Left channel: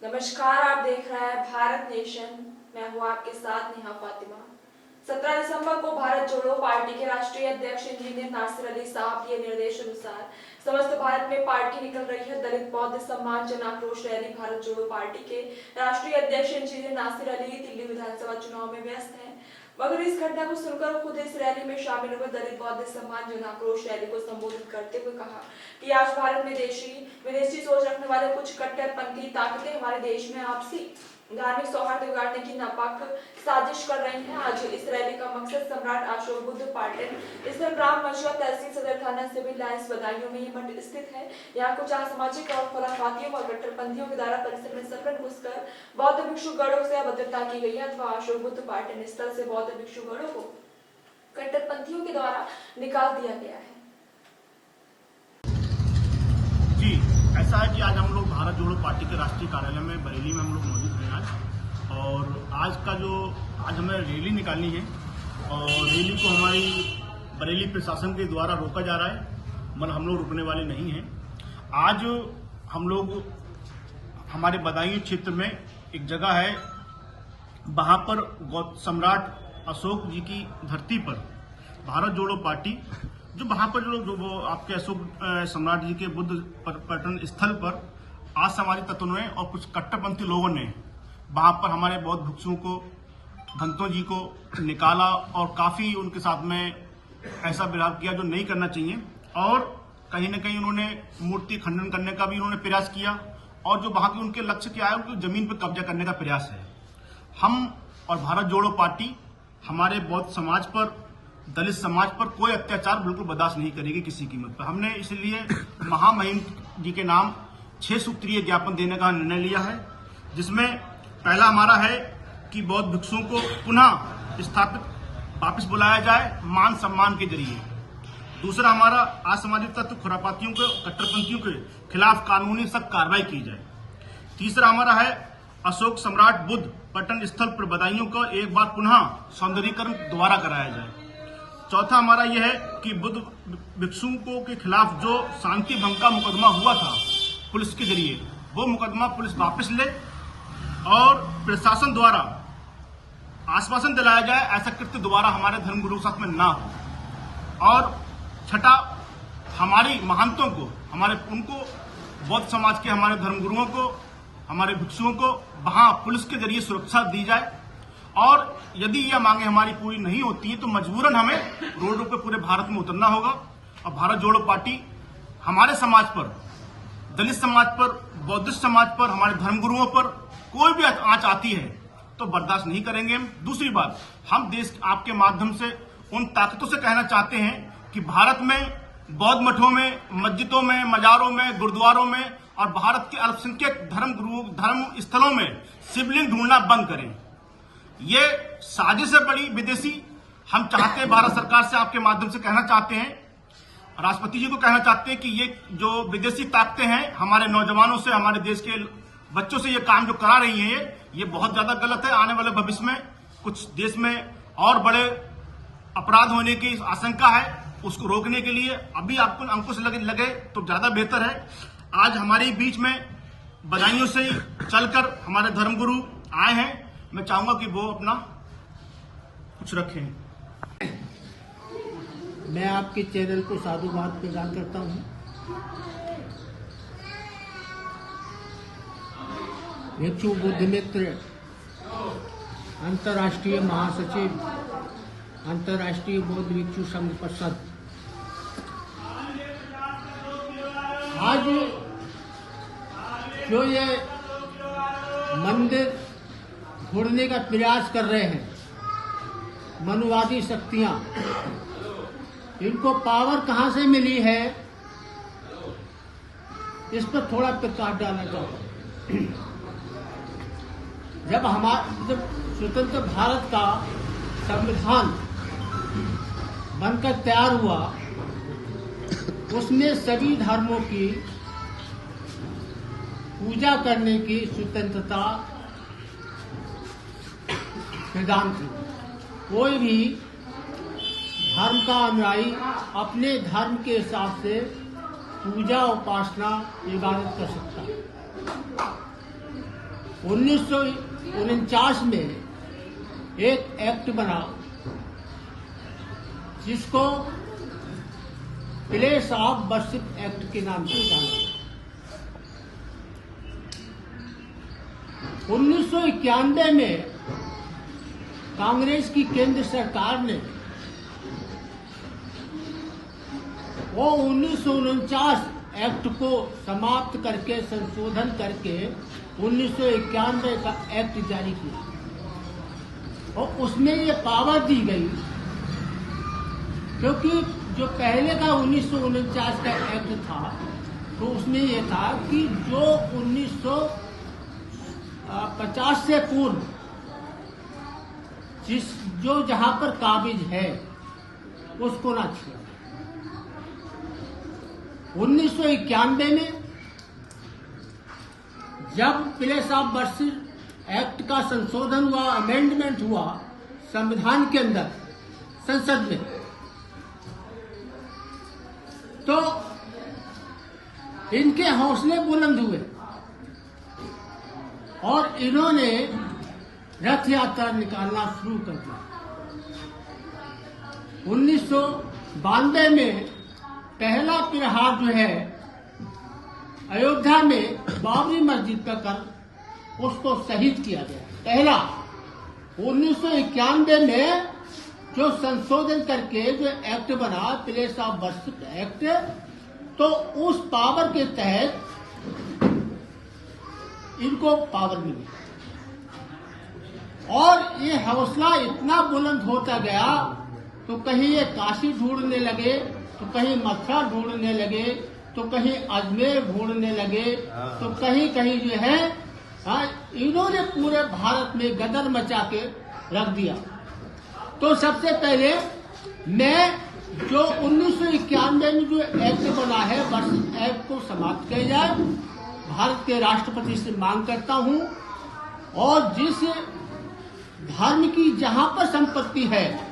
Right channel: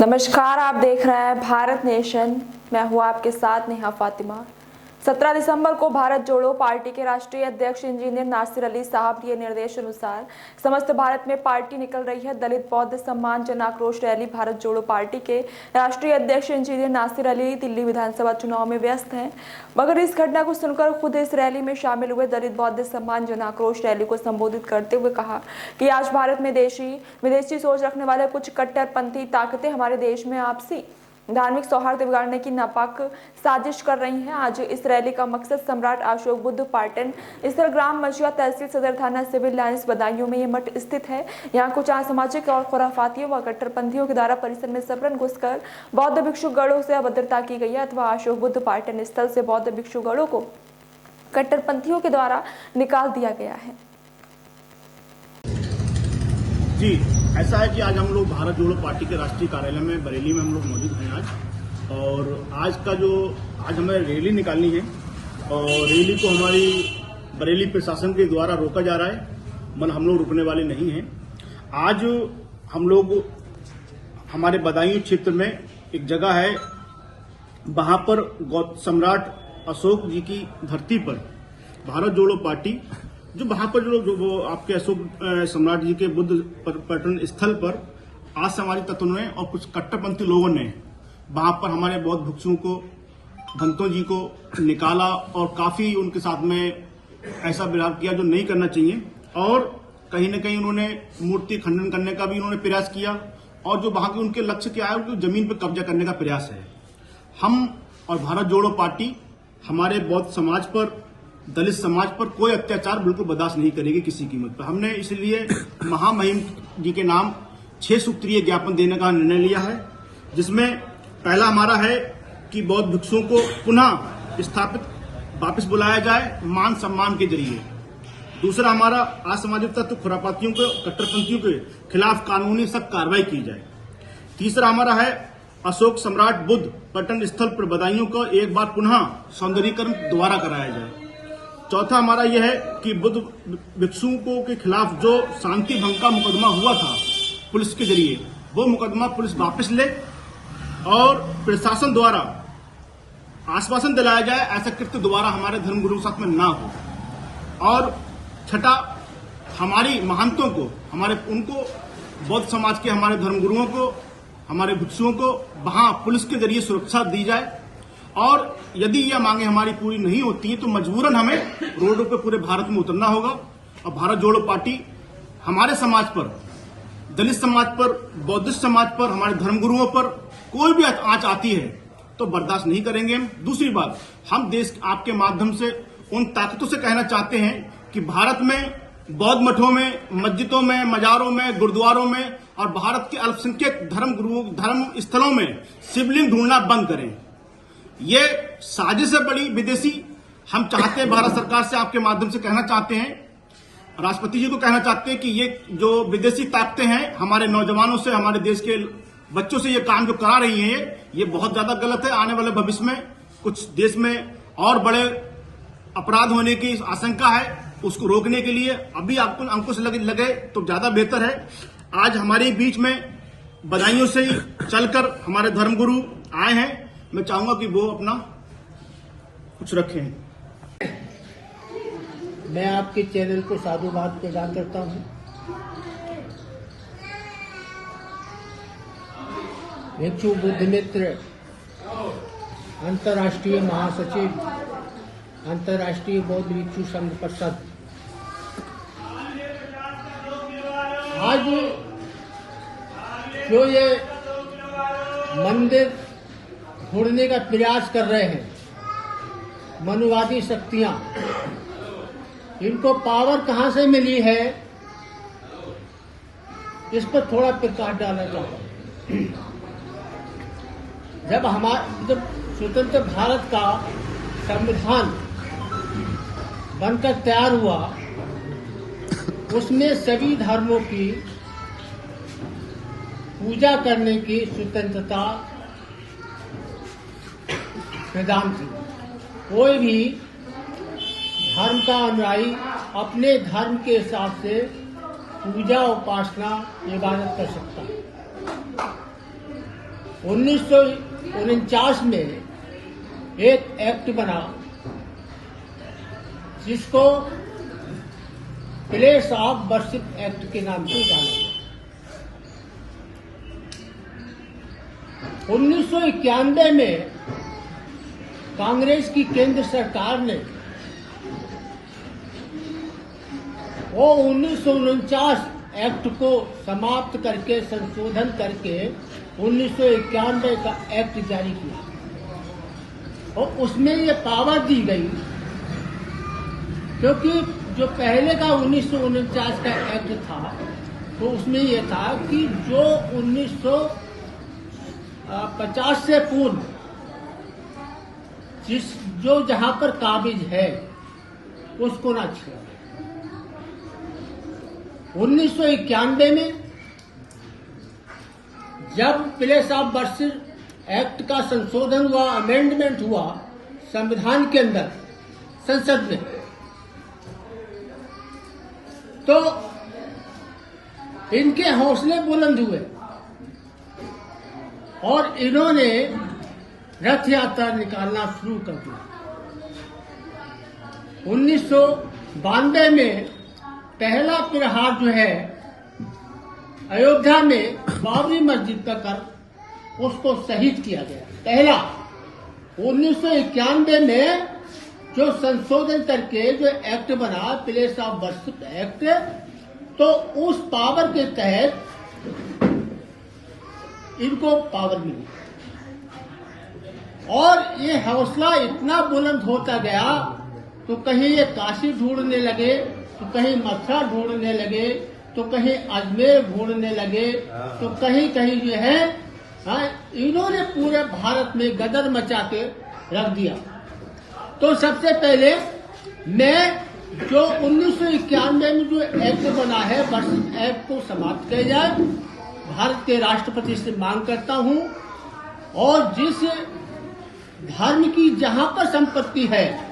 नमस्कार, आप देख रहे हैं भारत नेशन। मैं हूं आपके साथ नेहा फातिमा। 17 दिसंबर को भारत जोड़ो पार्टी के राष्ट्रीय अध्यक्ष इंजीनियर नासिर अली साहब के निर्देश अनुसार समस्त भारत में पार्टी निकल रही है। दलित बौद्ध सम्मान जन आक्रोश रैली भारत जोड़ो पार्टी के राष्ट्रीय अध्यक्ष इंजीनियर नासिर अली दिल्ली विधानसभा चुनाव में व्यस्त हैं, मगर इस घटना को सुनकर खुद इस रैली में शामिल हुए। दलित बौद्ध सम्मान जन आक्रोश रैली को संबोधित करते हुए कहा कि आज भारत में देशी विदेशी सोच रखने वाले कुछ कट्टरपंथी ताकतें हमारे देश में आपसी धार्मिक सौहार्द बिगाड़ने की नापाक साजिश कर रही हैं। आज इस रैली का मकसद सम्राट अशोक बुद्ध पर्यटन स्थल ग्राम मझिया तहसील सदर थाना सिविल लाइंस बदायूं में ये मठ स्थित है। यहाँ कुछ असामाजिक और खुराफातियों व कट्टरपंथियों के द्वारा परिसर में सपरन घुसकर बौद्ध भिक्षुगणों से अभद्रता की गई है अथवा अशोक बुद्ध पर्यटन स्थल से बौद्ध भिक्षुगणों को कट्टरपंथियों के द्वारा निकाल दिया गया है। जी, ऐसा है कि आज हम लोग भारत जोड़ो पार्टी के राष्ट्रीय कार्यालय में बरेली में हम लोग मौजूद हैं आज। और आज हमें रैली निकालनी है और रैली को हमारी बरेली प्रशासन के द्वारा रोका जा रहा है, मन हम लोग रुकने वाले नहीं हैं। आज हम लोग हमारे बदायूं क्षेत्र में एक जगह है, वहां पर सम्राट अशोक जी की धरती पर भारत जोड़ो पार्टी जो वहां पर जो वो आपके अशोक सम्राट जी के बुद्ध पर्यटन स्थल पर आज सामाजिक तत्वों ने और कुछ कट्टरपंथी लोगों ने वहां पर हमारे बौद्ध भिक्षुओं को भंतों जी को निकाला और काफी उनके साथ में ऐसा व्यवहार किया जो नहीं करना चाहिए। और कहीं न कहीं उन्होंने मूर्ति खंडन करने का भी उन्होंने प्रयास किया और जो वहां के उनके लक्ष्य क्या है, उनकी जमीन पर कब्जा करने का प्रयास है। हम और भारत जोड़ो पार्टी हमारे बौद्ध समाज पर, दलित समाज पर कोई अत्याचार बिल्कुल बर्दाश्त नहीं करेगी किसी कीमत पर। हमने इसलिए महामहिम जी के नाम 6 सूत्रीय ज्ञापन देने का निर्णय लिया है, जिसमें पहला हमारा है कि बौद्ध भिक्षुओं को पुनः स्थापित वापस बुलाया जाए मान सम्मान के जरिए। दूसरा हमारा असामाजिक तत्व खुरापातियों को, कट्टरपंथियों के खिलाफ कानूनी सख्त कार्रवाई की जाए। तीसरा हमारा है अशोक सम्राट बुद्ध पर्यटन स्थल पर बदायूं का एक बार पुनः सौंदर्यीकरण दोबारा कराया जाए। चौथा हमारा यह है कि बुद्ध भिक्षुओं के खिलाफ जो शांति भंग का मुकदमा हुआ था पुलिस के जरिए, वो मुकदमा पुलिस वापस ले और प्रशासन द्वारा आश्वासन दिलाया जाए ऐसा कृत्य दोबारा हमारे धर्मगुरुओं के साथ में ना हो। और छठा, हमारी महंतों को, उनको बौद्ध समाज के हमारे धर्मगुरुओं को, हमारे भिक्षुओं को वहां पुलिस के जरिए सुरक्षा दी जाए। और यदि यह मांगे हमारी पूरी नहीं होती है तो मजबूरन हमें रोडों पे पूरे भारत में उतरना होगा। और भारत जोड़ो पार्टी हमारे समाज पर, दलित समाज पर, बौद्धिस्ट समाज पर, हमारे धर्मगुरुओं पर कोई भी आंच आती है तो बर्दाश्त नहीं करेंगे हम। दूसरी बात, हम देश आपके माध्यम से उन ताकतों से कहना चाहते हैं कि भारत में बौद्ध मठों में, मस्जिदों में, मजारों में, गुरुद्वारों में और भारत के अल्पसंख्यक धर्म स्थलों में शिवलिंग ढूंढना बंद करें। ये साजिश है बड़ी विदेशी। हम चाहते हैं, भारत सरकार से आपके माध्यम से कहना चाहते हैं, राष्ट्रपति जी को कहना चाहते हैं कि ये जो विदेशी ताकतें हैं हमारे नौजवानों से, हमारे देश के बच्चों से ये काम जो करा रही हैं, ये बहुत ज्यादा गलत है। आने वाले भविष्य में कुछ देश में और बड़े अपराध होने की आशंका है। उसको रोकने के लिए अभी आपको अंकुश लगे तो ज्यादा बेहतर है। आज हमारे बीच में बदायूं से ही चलकर हमारे धर्मगुरु आए हैं। मैं चाहूंगा कि वो अपना कुछ रखें। मैं आपके चैनल को साधुवाद प्रदान करता हूं। भिक्षु बुद्ध मित्र अंतर्राष्ट्रीय महासचिव, अंतर्राष्ट्रीय बौद्ध भिक्षु संघ परिषद, आज जो ये मंदिर ढूंढने का प्रयास कर रहे हैं मनुवादी शक्तियां, इनको पावर कहां से मिली है, इस पर थोड़ा प्रकाश डालना चाहता हूं। जब स्वतंत्र भारत का संविधान बनकर तैयार हुआ, उसमें सभी धर्मों की पूजा करने की स्वतंत्रता प्रदान की। कोई भी धर्म का अनुयायी अपने धर्म के हिसाब से पूजा, उपासना, इबादत कर सकता है। 1949 में एक एक्ट बना जिसको प्लेस ऑफ वर्शिप एक्ट के नाम से जाना जाता। 1991 में कांग्रेस की केंद्र सरकार ने वो 1949 एक्ट को समाप्त करके संशोधन करके 1991 का एक्ट जारी किया और उसमें ये पावर दी गई, क्योंकि जो पहले का 1949 का एक्ट था तो उसमें ये था कि जो 1950 से पूर्व जो जहां पर काबिज है उसको ना छेड़ा। 1991 में जब प्लेस ऑफ वर्शिप एक्ट का संशोधन हुआ, अमेंडमेंट हुआ संविधान के अंदर संसद में, तो इनके हौसले बुलंद हुए और इन्होंने रथ यात्रा निकालना शुरू कर दिया। 1992 में पहला तिहार जो है अयोध्या में बाबरी मस्जिद पर कर उसको शहीद किया गया। पहला 1991 में जो संशोधन करके जो एक्ट बना प्लेस ऑफ वर्शिप एक्ट, तो उस पावर के तहत इनको पावर मिली और ये हौसला इतना बुलंद होता गया तो कहीं ये काशी ढूंढने लगे, तो कहीं मथुरा ढूंढने लगे, तो कहीं अजमेर ढूंढने लगे, तो कहीं कहीं जो है इन्होंने पूरे भारत में गदर मचा के रख दिया। तो सबसे पहले मैं जो 1991 में जो एक्ट बना है वर्शिप एक्ट को समाप्त किया जाए, भारत के राष्ट्रपति से मांग करता हूं और जिस धर्म की जहां पर संपत्ति है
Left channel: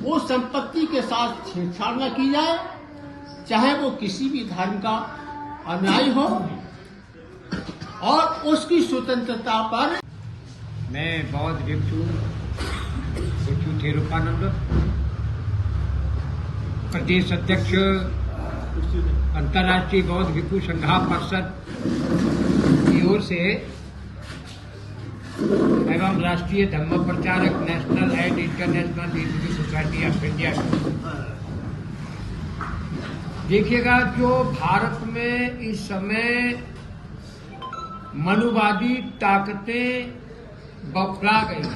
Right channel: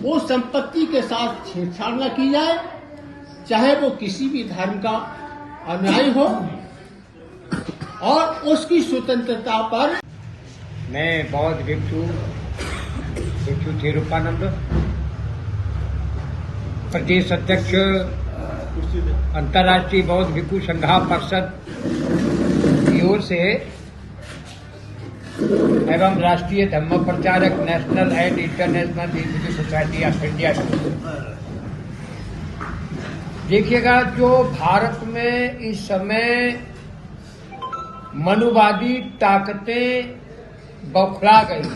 वो संपत्ति के साथ छेड़छाड़ न की जाए, चाहे वो किसी भी धर्म का अनुयायी हो, और उसकी स्वतंत्रता पर। मैं बौद्ध भिक्षु थिरुपानंद, प्रदेश अध्यक्ष अंतर्राष्ट्रीय बौद्ध भिक्षु संघा परिषद की ओर से एवं राष्ट्रीय धर्म प्रचारक national and international Hindu society of India. देखिएगा, जो भारत में इस समय मनुवादी ताकतें बौखला गई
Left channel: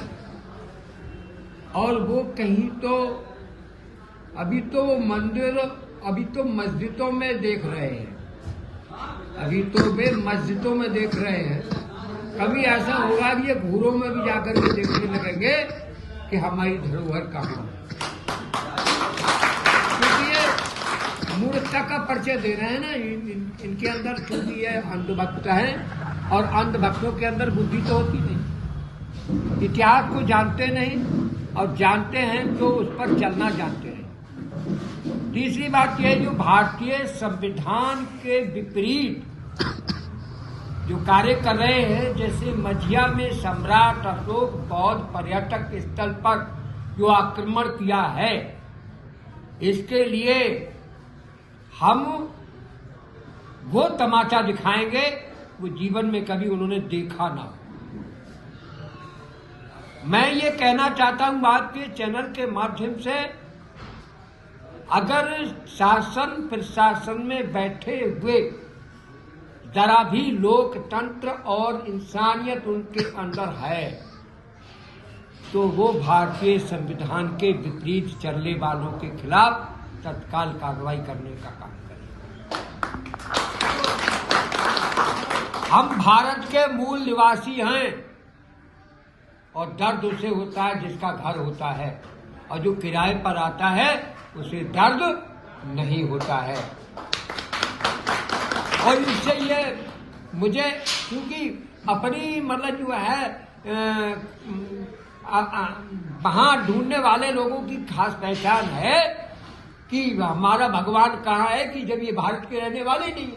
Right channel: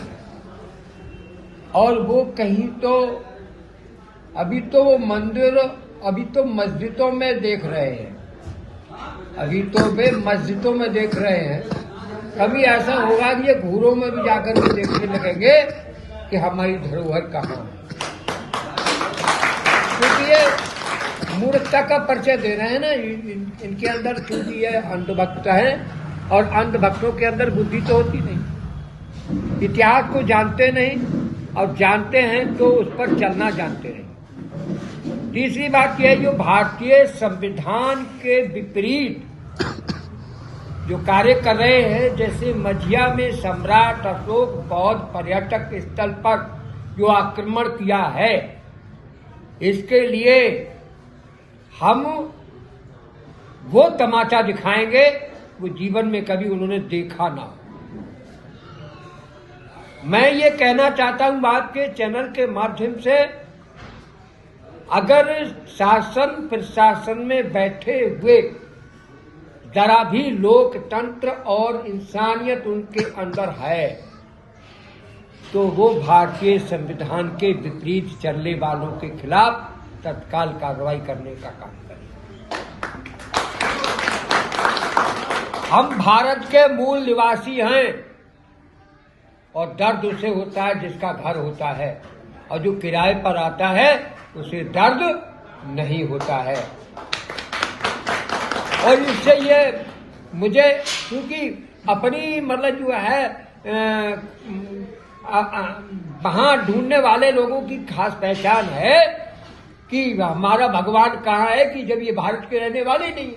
और वो कहीं तो अभी तो वो मंदिर, अभी तो मस्जिदों में देख रहे हैं, अभी तो वे मस्जिदों में देख रहे हैं। कभी ऐसा होगा कि ये घूरों में भी जाकर के देखने लगेंगे कि हमारी धरोहर कहाँ है, क्योंकि ये मूर्खता का परिचय दे रहे हैं ना। इनके अंदर चूंकि ये अंधभक्त है और अंधभक्तों के अंदर बुद्धि तो होती नहीं, इतिहास को जानते नहीं, और जानते हैं तो उस पर चलना जानते नहीं। तीसरी बात यह है, जो भारतीय संविधान के विपरीत जो कार्य कर रहे हैं, जैसे मझिया में सम्राट अशोक बौद्ध पर्यटक स्थल पर जो आक्रमण किया है, इसके लिए हम वो तमाचा दिखाएंगे वो जीवन में कभी उन्होंने देखा ना। मैं ये कहना चाहता हूं बात के चैनल के माध्यम से, अगर शासन प्रशासन में बैठे हुए जरा भी लोकतंत्र और इंसानियत उनके अंदर है, तो वो भारतीय संविधान के विपरीत चलने वालों के खिलाफ तत्काल कार्रवाई करने का काम करें। हम भारत के मूल निवासी हैं और दर्द उसे होता है जिसका घर होता है, और जो किराए पर आता है उसे दर्द नहीं होता है। और इससे ये मुझे, क्योंकि अपनी मतलब जो है वहां ढूंढने वाले लोगों की खास पहचान है कि हमारा भगवान कहाँ है, कि जब ये भारत के रहने वाले नहीं,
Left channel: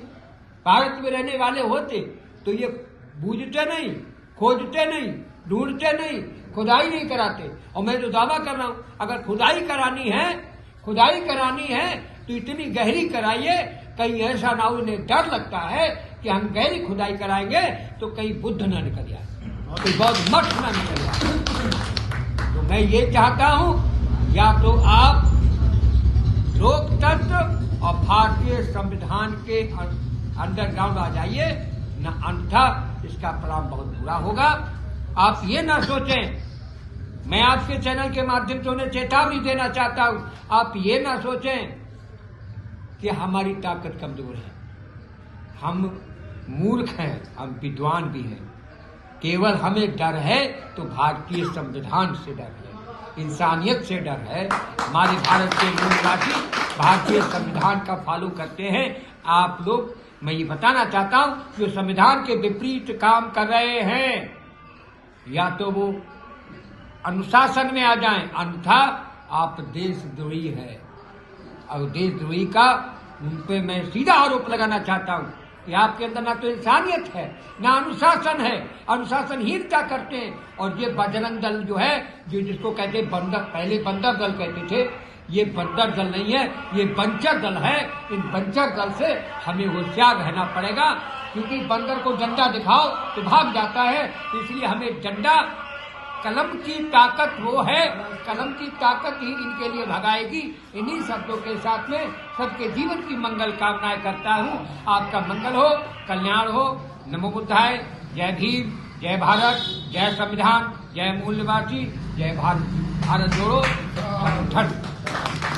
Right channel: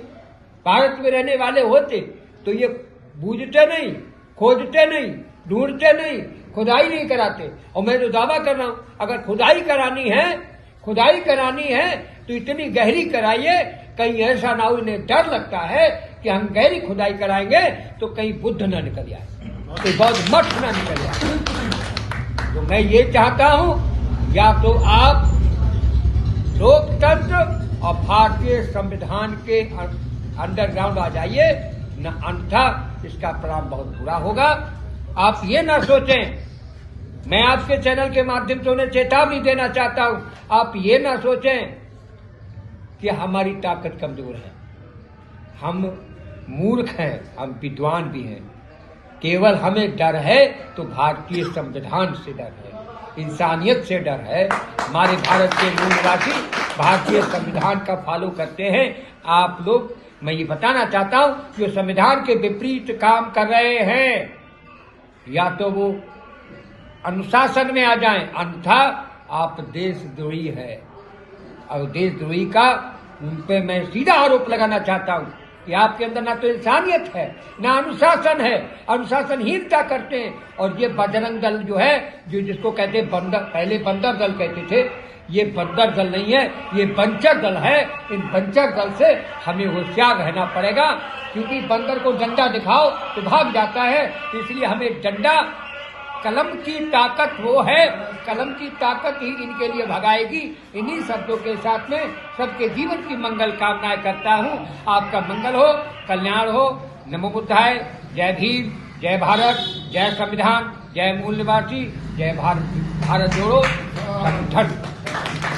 भारत में रहने वाले होते तो ये बूझते नहीं खोजते नहीं, ढूंढते नहीं, खुदाई नहीं कराते। और मैं तो दावा कर रहा हूं, अगर खुदाई करानी है तो इतनी गहरी कराइए, कहीं ऐसा ना हो, इन्हें डर लगता है कि हम गहरी खुदाई कराएंगे तो कहीं बुद्ध न निकल जाए, कोई बौद्ध मठ न निकल जाए। तो मैं ये चाहता हूं, या तो आप लोकतंत्र और भारतीय संविधान के अंडरग्राउंड आ जाइए, न अन्यथा इसका परिणाम बहुत बुरा होगा। आप ये न सोचें, मैं आपके चैनल के माध्यम से उन्हें चेतावनी देना चाहता हूं, आप ये न सोचें कि हमारी ताकत कमजोर है। हम मूर्ख हैं, हम विद्वान भी हैं। केवल हमें डर है तो भारतीय संविधान से डर है, इंसानियत से डर है। हमारे भारत के मूल निवासी भारतीय संविधान का फॉलो करते हैं। आप लोग, मैं ये बताना चाहता हूं, जो संविधान के विपरीत काम कर रहे हैं, या तो वो अनुशासन में आ जाएं, अन्यथा आप देशद्रोही है। और देशद्रोही का उन पे मैं सीधा आरोप लगाना चाहता हूं कि आपके अंदर ना तो इंसानियत है, ना अनुशासन है, अनुशासनहीनता करते हैं। और ये बजरंग दल जो है, जो जिसको कहते हैं बंदर, पहले बंदर दल कहते थे, ये बंदर दल नहीं है, ये बंचर दल है। इन बंचर दल से हमें होशियार रहना पड़ेगा, क्योंकि बंदर को डंडा दिखाओ तो भाग जाता है। तो इसलिए हमें डंडा, कलम की ताकत वो है, कलम की ताकत ही इनके लिए भगाएगी। इन्हीं शब्दों के साथ में सबके जीवन की मंगल कामनाएं करता हूं। आपका मंगल हो, कल्याण हो। नमो बुद्धाय। जय भीम, जय भारत, जय संविधान, जय मूल निवासी, जय भारत, भारत जोड़ो संगठन।